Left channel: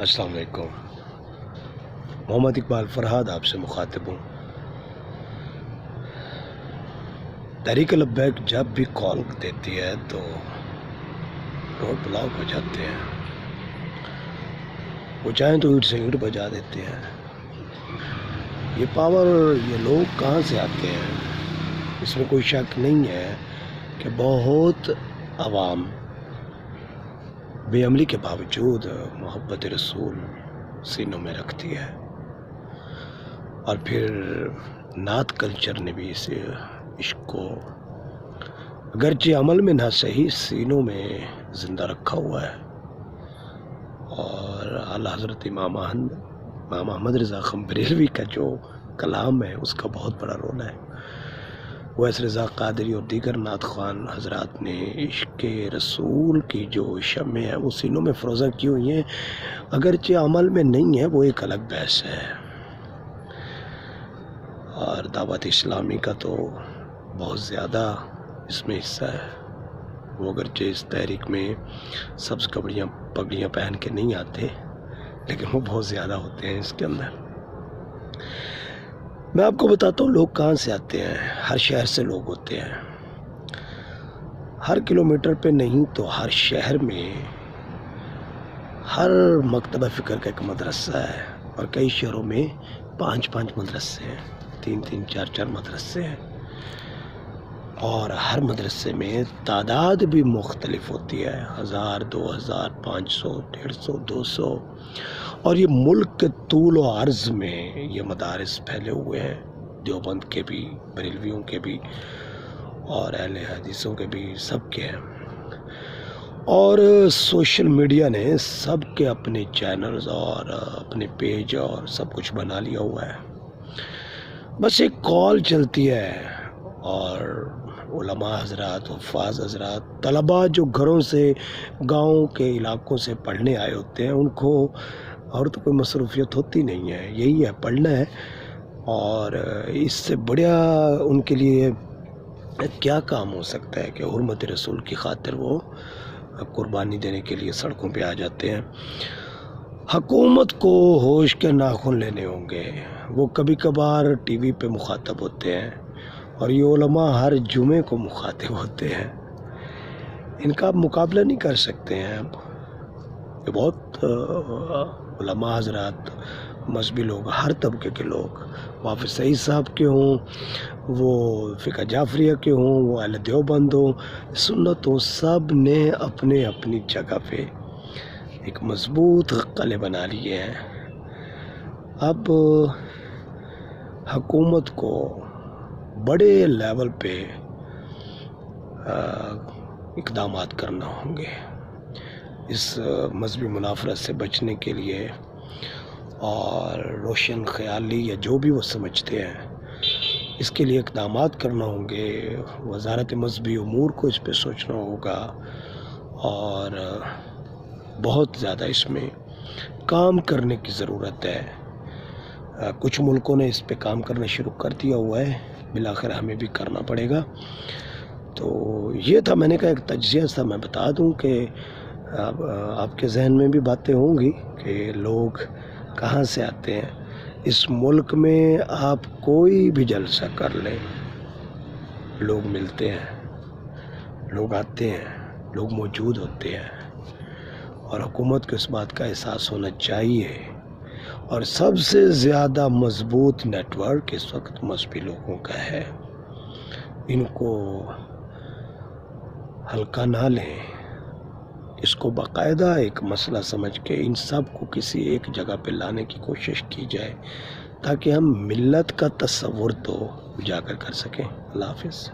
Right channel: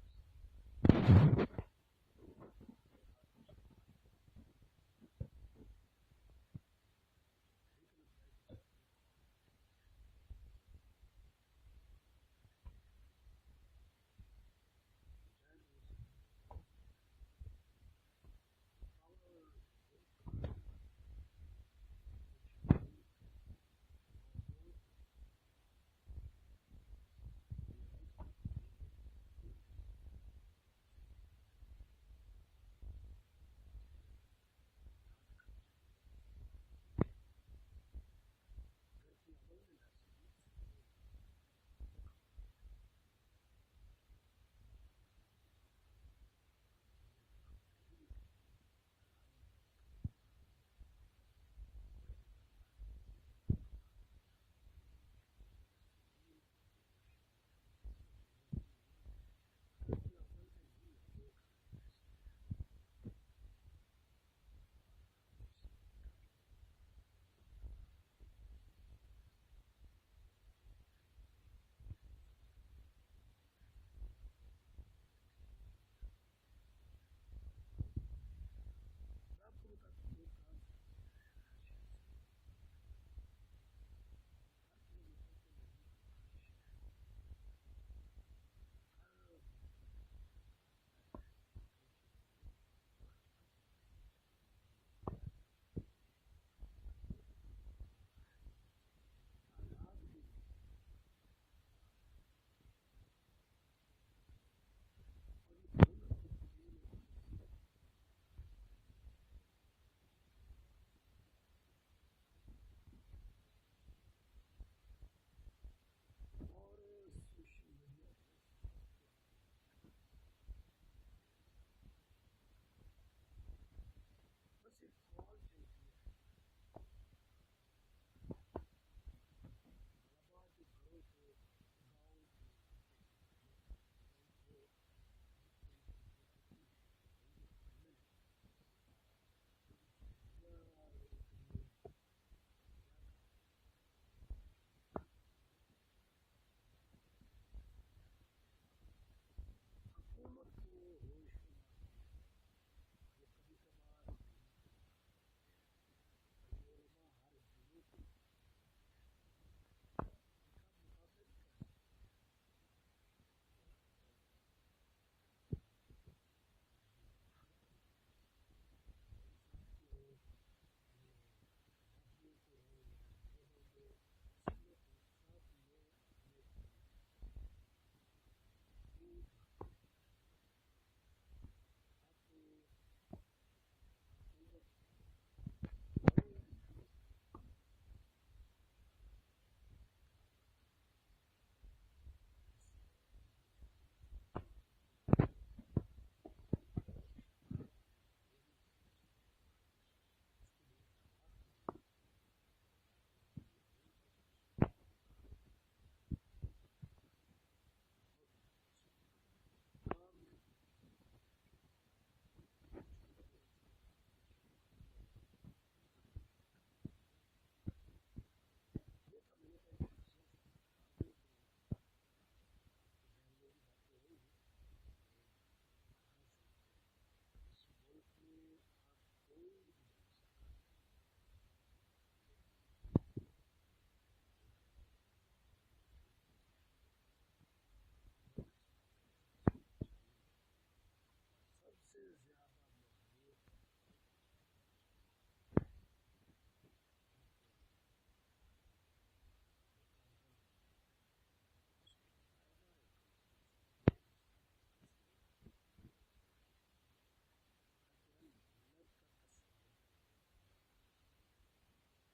السلام علیکم۔ محمد اقبال فرہاد آپ سے مخاطب ہوں۔ تحریک لبیک جب بھی کال دیتی ہے تو روڈ بلاک ہو جاتے ہیں، وہ چاہیں تو اینٹ سے اینٹ بجا دیتے ہیں۔ یہ پاور، یہ لوگ کہاں سے آتے ہیں؟ اس میں کوئی شک نہیں ہے کہ بہت عوام بے عملی کے باوجود محبت رسول سینوں میں رکھتی ہے، اور پھر نعت کلچر نے بھی اس عشق کو اگرچہ عمل میں نہ صحیح سینوں میں زندہ رکھا ہوا ہے۔ اور اعلیٰ حضرت امام احمد رضا خان بریلوی کا جو کلام ہے اس کا بہت بڑا رول ہے۔ ویس رضا قادری اور دیگر نعت خوان حضرات نے عشق رسول کی جو شمع ہے وہ سینوں میں فروزہ کی ہوئی ہیں، اگرچہ عمل میں نہیں ہے، وہ ایک الگ بحث ہے۔ اور دعوت اسلامی کا تو بہت زیادہ اس میں حصہ ہے۔ وہ اگرچہ اس تحریک میں سبز پگڑیاں پہن کے نہیں آتے، لیکن وہ بہت زیادہ ہوتے ہیں اس کے اندر۔ میں آپ کو بتاتا ہوں لوگ کہاں سے آتے ہیں۔ ہر شہر سے لوگ ہوتے ہیں، ہر کلومیٹر پہ نہیں تو ہر شہر میں ہر مکتبہ فکر کا ایک مدرسہ ہے، اور کئی شہروں میں 5 مدرسے ہیں، 3 4 مدرسے ہیں، اور ہر مدرسے میں تعداد بھی مختلف ہوتی ہے، 1000 2000 500 150 200، اور یہ ملک کے طول و عرض میں یہ مدارس پھیلے ہوئے ہیں، دیوبند کے بھی، بریلویوں کے بھی، اور اہل حدیثوں کے بھی، سب کے ہیں۔ اور سوشل میڈیا نے سب کے اپنے چینلز اور اپنے پیج اور سب کچھ بنا لیا ہوا ہے۔ بس ایک کال چلتی ہے، اور علماء حضرات، حفاظ حضرات، طلباء جو گھروں سے، گاؤں کے علاقوں سے پڑھنے آئے ہوتے ہیں، ان کو اور تو کوئی مصروفیت ہوتی نہیں ہے، یہی ہے پڑھنا ہے۔ اور اس سے بڑا ان کے لیے کیا کام ہو سکتا ہے کہ حرمت رسول کی خاطر وہ قربانی دینے کے لیے سڑکوں پہ آ جاتے ہیں۔ حکومت کو ہوش کے ناخن لینے ہوں گے۔ وہ کبھی کبھار ٹی وی پہ مخاطب ہوتے ہیں، اور یہ علماء ہر جمعے کو مخاطب ہوتے ہیں۔ ان کا آپ مقابلہ نہیں کر سکتے ہیں۔ یہ بہت علماء حضرات، مذہبی لوگ، ہر طبقے کے لوگ، حافظ سعید صاحب کے ہوں، وہ فقہ جعفریہ کے ہوں، وہ اہل دیوبند ہوں، سنت ہوں، سب نے اپنے اپنی جگہ پہ ایک مضبوط قلعے بنا لیے ہیں۔ اب حکومت کو بڑے لیول پہ اقدامات کرنا ہوں گے اس مذہبی منافرت سے بچنے کے لیے، اور روشن خیالی یا جو بھی وہ سمجھتے ہیں اس کے لیے اقدامات کرنا ہوں گے۔ وزارت مذہبی امور کو اس پہ سوچنا ہوگا، اور بہت زیادہ اس میں کام کرنے کی ضرورت ہے۔ کچھ ملکوں نے اس پہ کام کرنا شروع کر دیا ہوا ہے، بالآخر ہمیں بھی کرنا پڑے گا۔ تو یہ تھا، میں نے کہا ایک تجزیہ تھا، میں بتا دوں کہ آپ کے ذہن میں بھی باتیں ہوں گی کہ لوگ کہاں سے آتے ہیں۔ اس ملک میں آپ کوئی بھی جلسہ کر لیں، لوگ ملتے ہیں، لوگ آتے ہیں، لوگ موجود ہوتے ہیں، اور حکومت کو اس بات کا احساس ہونا چاہیے۔ اور سب سے زیادہ مضبوط نیٹ ورک اس وقت مذہبی لوگوں کا ہے۔ ان کو ہلکا نہ لیں، اس کو باقاعدہ ایک مسئلہ سمجھ کے ان سب کو کسی ایک جگہ پہ لانے کی کوشش کی جائے، تاکہ ہم ملت کا تصور تو اجاگر کر سکیں۔ اللہ حافظ۔